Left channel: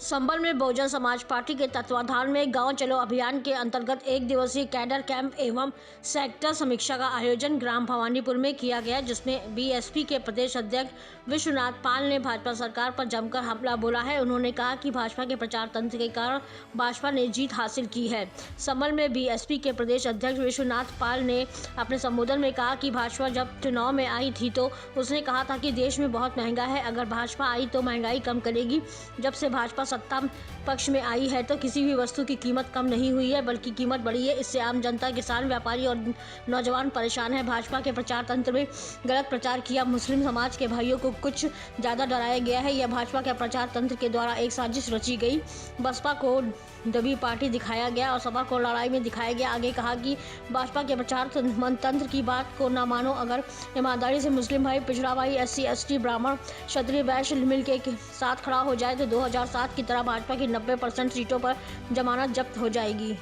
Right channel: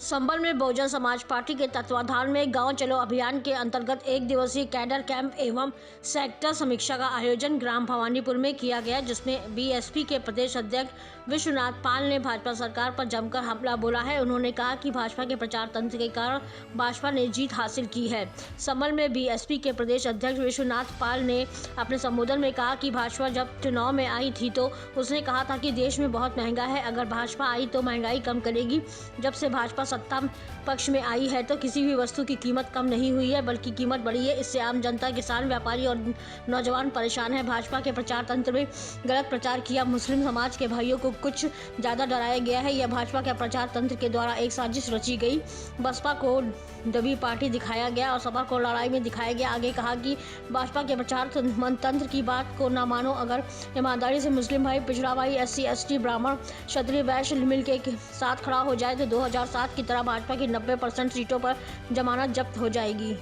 संभल में बहुजन समाज पार्टी के तत्वाधान में गांव चलो अभियान के अंतर्गत एक दिवसीय कैडर कैंप एवं सेक्टर समीक्षा का आयोजन ग्राम भवानीपुर में किया गया, जिसमें बीएसपी के प्रदेश अध्यक्ष विश्वनाथ पाल ने भाजपा सरकार पर जमकर हमला बोला है। उन्होंने कहा कि भाजपा के प्रचार तंत्र के कारण भाजपा ने जीत हासिल की है। संभल में बीएसपी के प्रदेश अध्यक्ष विश्वनाथ पाल ने अपने संबोधन में कहा कि भाजपा जब चुनाव में आई थी तो उसने कहा था कि देश में बहुत महंगा है, अगर भाजपा आई तो महंगाई कम करेगी। जब से भाजपा सत्ता पक्ष में आई है तो किसी भी वस्तु की कीमत कम नहीं हुई है, बल्कि कीमत बढ़ी है। इससे आम जनता, किसान, व्यापारी और नौजवान परेशान है। भाजपा के प्रचार तंत्र में गलत प्रचार किया, मुस्लिम समाज के भाइयों को कुछ ज़्यादा डराया गया है। यह भाजपा के प्रचार तंत्र के द्वारा एक साजिश रची गई। बसपा को दबी पार्टी दिखाया गया और सपा को लड़ाई में दिखाया गया। आगे कहा कि भाजपा के प्रचार तंत्र की बात को न मानो, अगर ईमानदारी से मुस्लिम भाई, पिछड़ा भाई, SC ST, ब्राह्मण, क्षत्रिय, वैश्य मिल के साथ खड़ा हो जाए तो 2007 की तरह भाजपा की 90% सीटों पर जमानत जब्त हो जाएगी।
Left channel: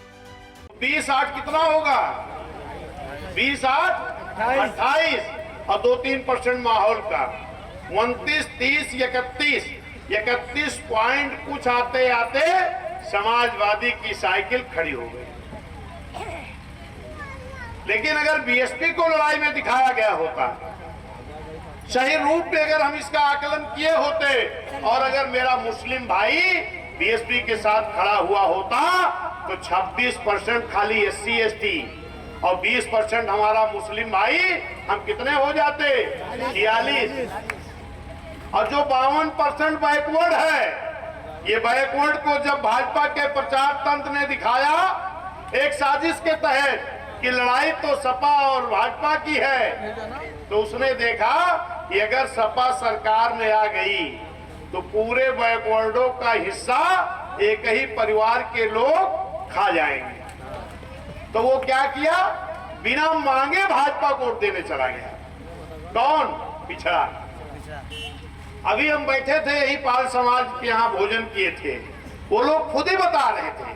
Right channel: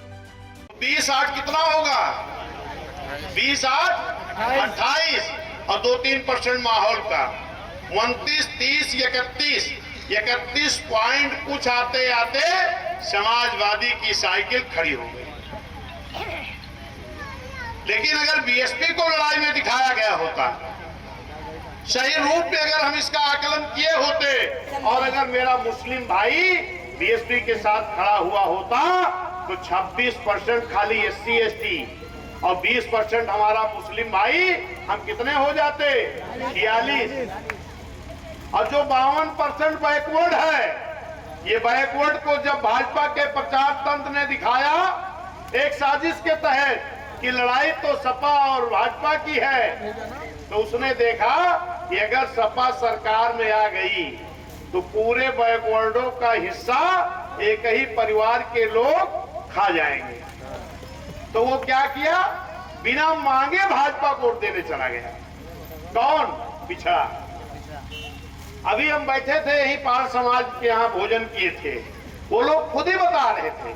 20-8 कितना होगा? 20-8 28 और 2-3% माहौल का 29, 30, 31 पॉइंट कुछ आते आते समाजवादी की साइकिल खड़ी हो गई। लेकिन अगर बीएसपी को लड़ाई में दिखाया गया होता, सही रूप में अगर हम इसका आकलन किए होते और अगर मेरा मुस्लिम भाई बीएसपी के साथ खड़ा हुआ होता तो 26% खाली SC ST और 20% हमारा मुस्लिम भाई, हम कितने हो जाते? 46। और जो 52% बैकवर्ड है, ये बैकवर्ड को जब भाजपा के प्रचार तंत्र ने दिखाया एक साजिश के तहत कि लड़ाई तो सपा और भाजपा की है, तो उसने देखा कि अगर सपा सरकार में आ गई तो पूरे बैकवर्डों का हिस्सा एक ही परिवार के लोग खा जाएंगे। तो वो क्या किया? बिना मांगे भाजपा को वोट देने चला गया। कौन? पिछड़ा। अभी हम बैठे थे यही पाल समाज के यहाँ भोजन किए थे, वो लोग खुद ही बता रहे थे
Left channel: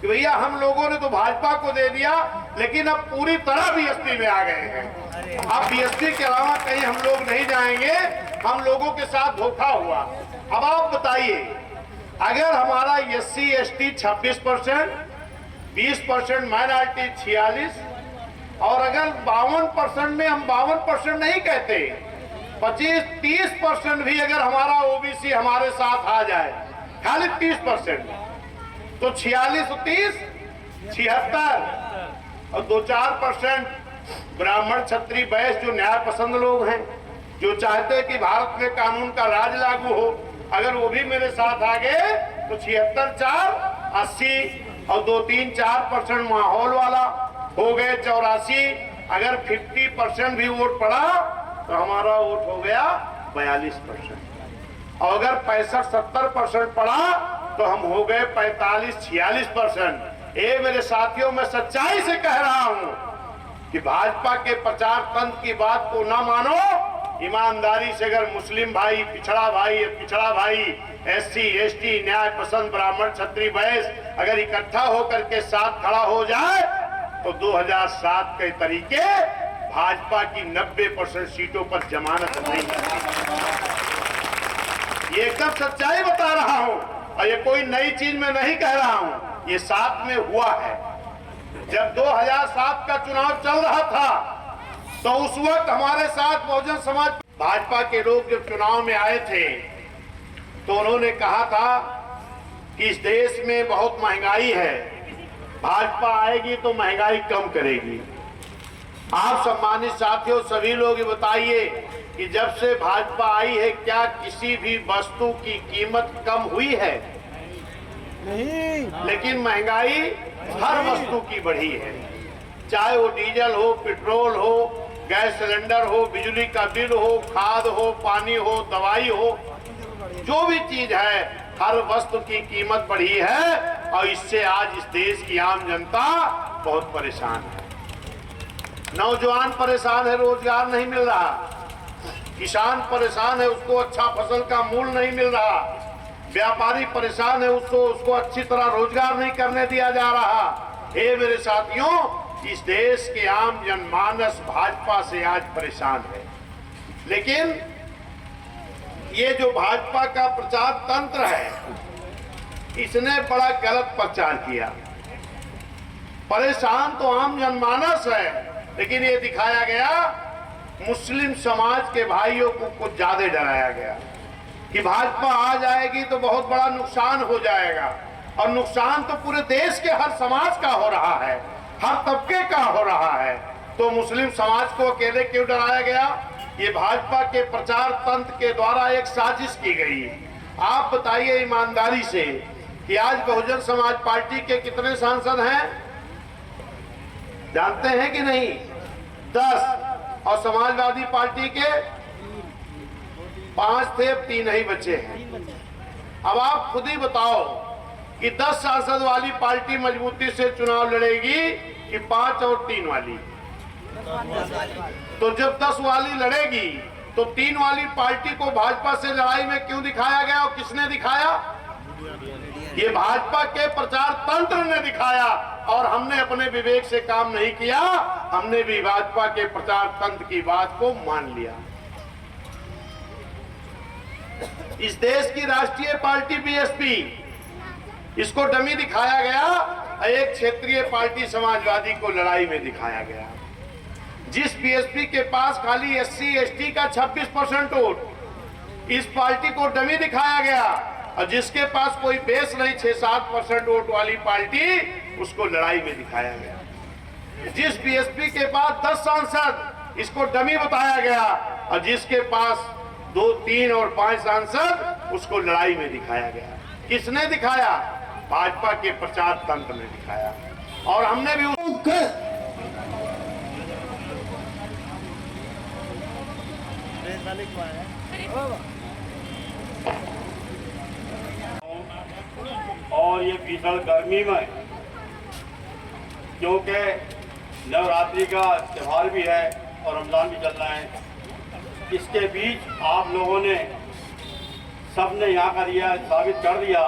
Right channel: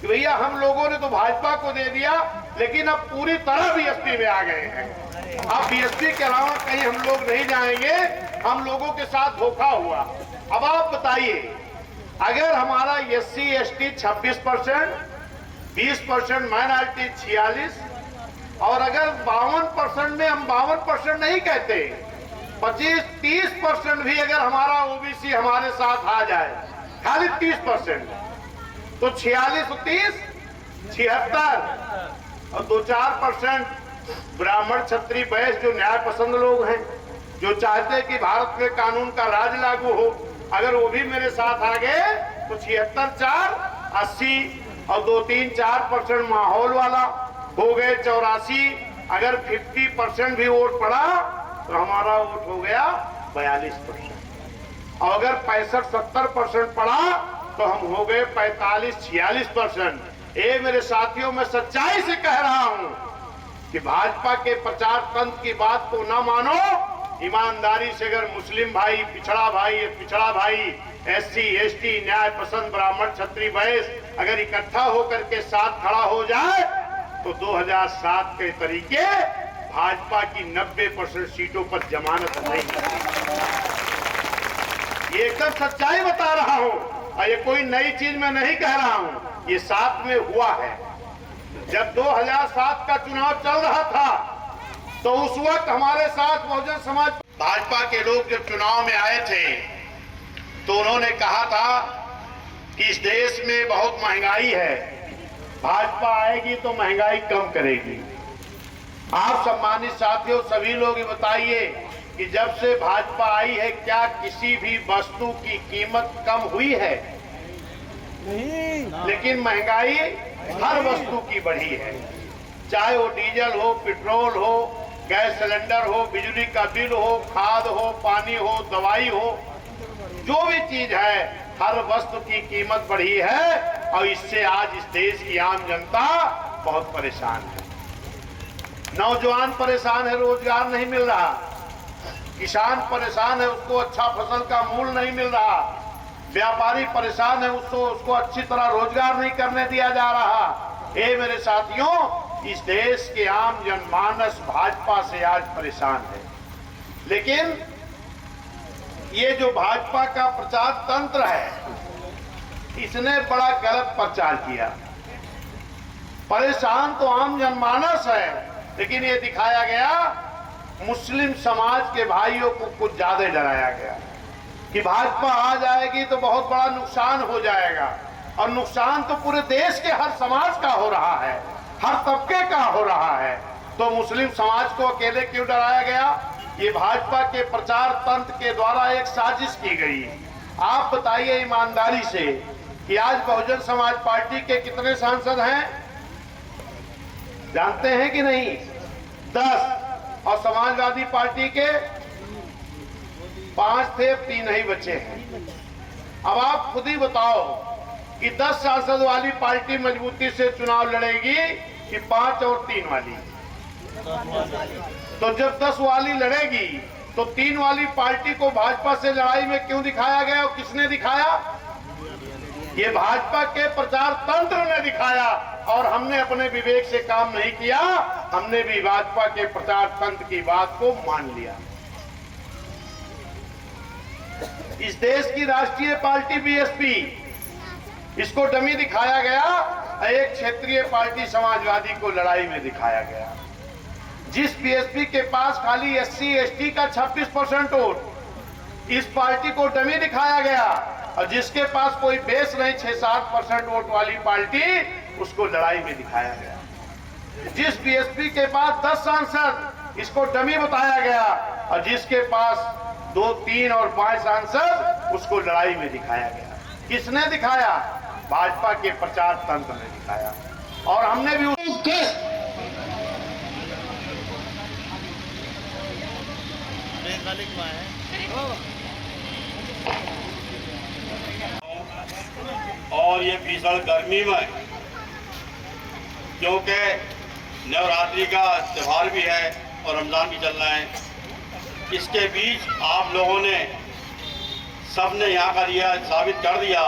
कि भैया हम लोगों ने तो भाजपा को दे दिया, लेकिन अब पूरी तरह बीएसपी में आ गए हैं। अब बीएसपी के अलावा कहीं हम लोग नहीं जाएंगे, हम लोगों के साथ धोखा हुआ। अब आप बताइए, अगर हमारा SC ST 26%, 20% माइनॉरिटी 46 और अगर 52% में हम 52% नहीं कहते, 25-30% भी अगर हमारा OBC हमारे साथ आ जाए, खाली 30%, तो 46 और 30 76 और 2-4% ब्राह्मण, क्षत्रिय, वैश्य जो न्याय पसंद लोग हैं, जो चाहते हैं कि भारत में कानून का राज लागू हो, अगर वो भी मेरे साथ आ गए तो 76-4 80 और 2-3-4% माहौल वाला हो गए 84। अगर 50% भी वोट पड़ा तो हमारा वोट हो गया 42%। और अगर 65-70% पड़ा तो हम हो गए 45-46%। ये मेरे साथियों, मैं सच्चाई से कह रहा हूं कि भाजपा के प्रचार तंत्र की बात को ना मानो। ईमानदारी से अगर मुस्लिम भाई, पिछड़ा भाई, SC ST, न्याय पसंद, ब्राह्मण, क्षत्रिय, वैश्य अगर इकट्ठा होकर के साथ खड़ा हो जाए तो 2007 के तरीके भाजपा की 90% सीटों पर जमानत नहीं है। ये एकदम सच्चाई बता रहा हूं और ये कोई नई चीज मैं नहीं कह रहा हूं, ये 7 में हुआ है। जब 2007 का चुनाव चल रहा था तो उस वक्त हमारे साथ बहुजन समाज भाजपा के लोग जब चुनाव में आए थे तो उन्होंने कहा था कि इस देश में बहुत महंगाई है, भाजपा आएगी तो महंगाई कम करेगी। आप सम्मानित साथियों, सभी लोग ये बताइए कि जब से भाजपा आई है क्या किसी भी वस्तु की कीमत कम हुई है? नहीं। लेकिन महंगाई हर वस्तु की बढ़ी है, चाहे वो डीजल हो, पेट्रोल हो, गैस सिलेंडर हो, बिजली का बिल हो, खाद हो, पानी हो, दवाई हो, जो भी चीज है हर वस्तु की कीमत बढ़ी है। और इससे आज इस देश की आम जनता बहुत परेशान है। नौजवान परेशान है, रोजगार नहीं मिल रहा, किसान परेशान है, उसको अच्छा फसल का मूल्य नहीं मिल रहा, व्यापारी परेशान है, उसको अच्छी तरह रोजगार नहीं करने दिया जा रहा। हे मेरे साथियों, इस देश के आम जनमानस भाजपा से आज परेशान है। लेकिन ये जो भाजपा का प्रचार तंत्र है, इसने बड़ा गलत प्रचार किया। परेशान तो आम जनमानस है, लेकिन ये दिखाया गया, मुस्लिम समाज के भाइयों को कुछ ज्यादा डराया गया कि भाजपा आ जाएगी तो बहुत बड़ा नुकसान हो जाएगा, और नुकसान तो पूरे देश के हर समाज का हो रहा है, हर तबके का हो रहा है। तो मुस्लिम समाज को अकेले क्यों डराया गया? ये भाजपा के प्रचार तंत्र के द्वारा एक साजिश की गई। आप बताइए ईमानदारी से कि आज बहुजन समाज पार्टी के कितने सांसद हैं, जानते हैं कि नहीं? 10। और समाजवादी पार्टी के 5 थे, 3 ही बचे हैं। अब आप खुद ही बताओ कि 10 सांसद वाली पार्टी मजबूती से चुनाव लड़ेगी कि 5 और 3 वाली? तो जब 10 वाली लड़ेगी तो 3 वाली पार्टी को भाजपा से लड़ाई में क्यों दिखाया गया और किसने दिखाया? ये भाजपा के प्रचार तंत्र ने दिखाया, और हमने अपने विवेक से काम नहीं किया, हमने भी भाजपा के प्रचार तंत्र की बात को मान लिया। इस देश की राष्ट्रीय पार्टी बीएसपी, इसको डमी दिखाया गया, एक क्षेत्रीय पार्टी समाजवादी को लड़ाई में दिखाया गया। जिस बीएसपी के पास खाली एससी एसटी का 26% वोट, इस पार्टी को डमी दिखाया गया, और जिसके पास कोई बेस नहीं 6-7% वोट वाली पार्टी, उसको लड़ाई में दिखाया गया। जिस बीएसपी के पास 10 सांसद, इसको डमी बताया गया, और जिसके पास 2, 3 और 5 सांसद, उसको लड़ाई में दिखाया गया। किसने दिखाया? भाजपा के प्रचार तंत्र ने दिखाया, और हमने भी और ये भीषण गर्मी में, क्योंकि नवरात्रि का त्यौहार भी है और रमजान भी चल रहा है, इसके बीच आप लोगों ने सबने यहाँ का दिया साबित कर दिया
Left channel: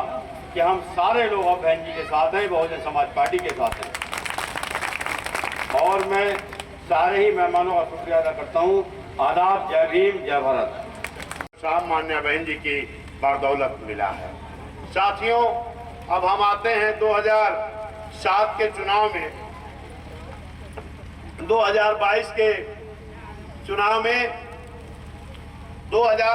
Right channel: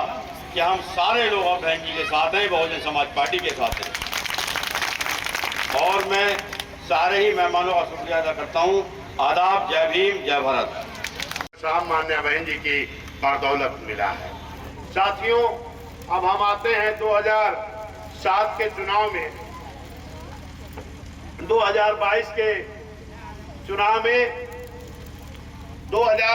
कि हम सारे लोग अब बहन जी के साथ हैं, बहुजन समाज पार्टी के साथ हैं। और मैं सारे ही मेहमानों का शुक्रिया अदा करता हूँ। आदाब, जय भीम, जय भारत। साहब मान्य बहन जी की बदौलत मिला है। साथियों, अब हम आते हैं 2007 के चुनाव में। 2022 के चुनाव में 2000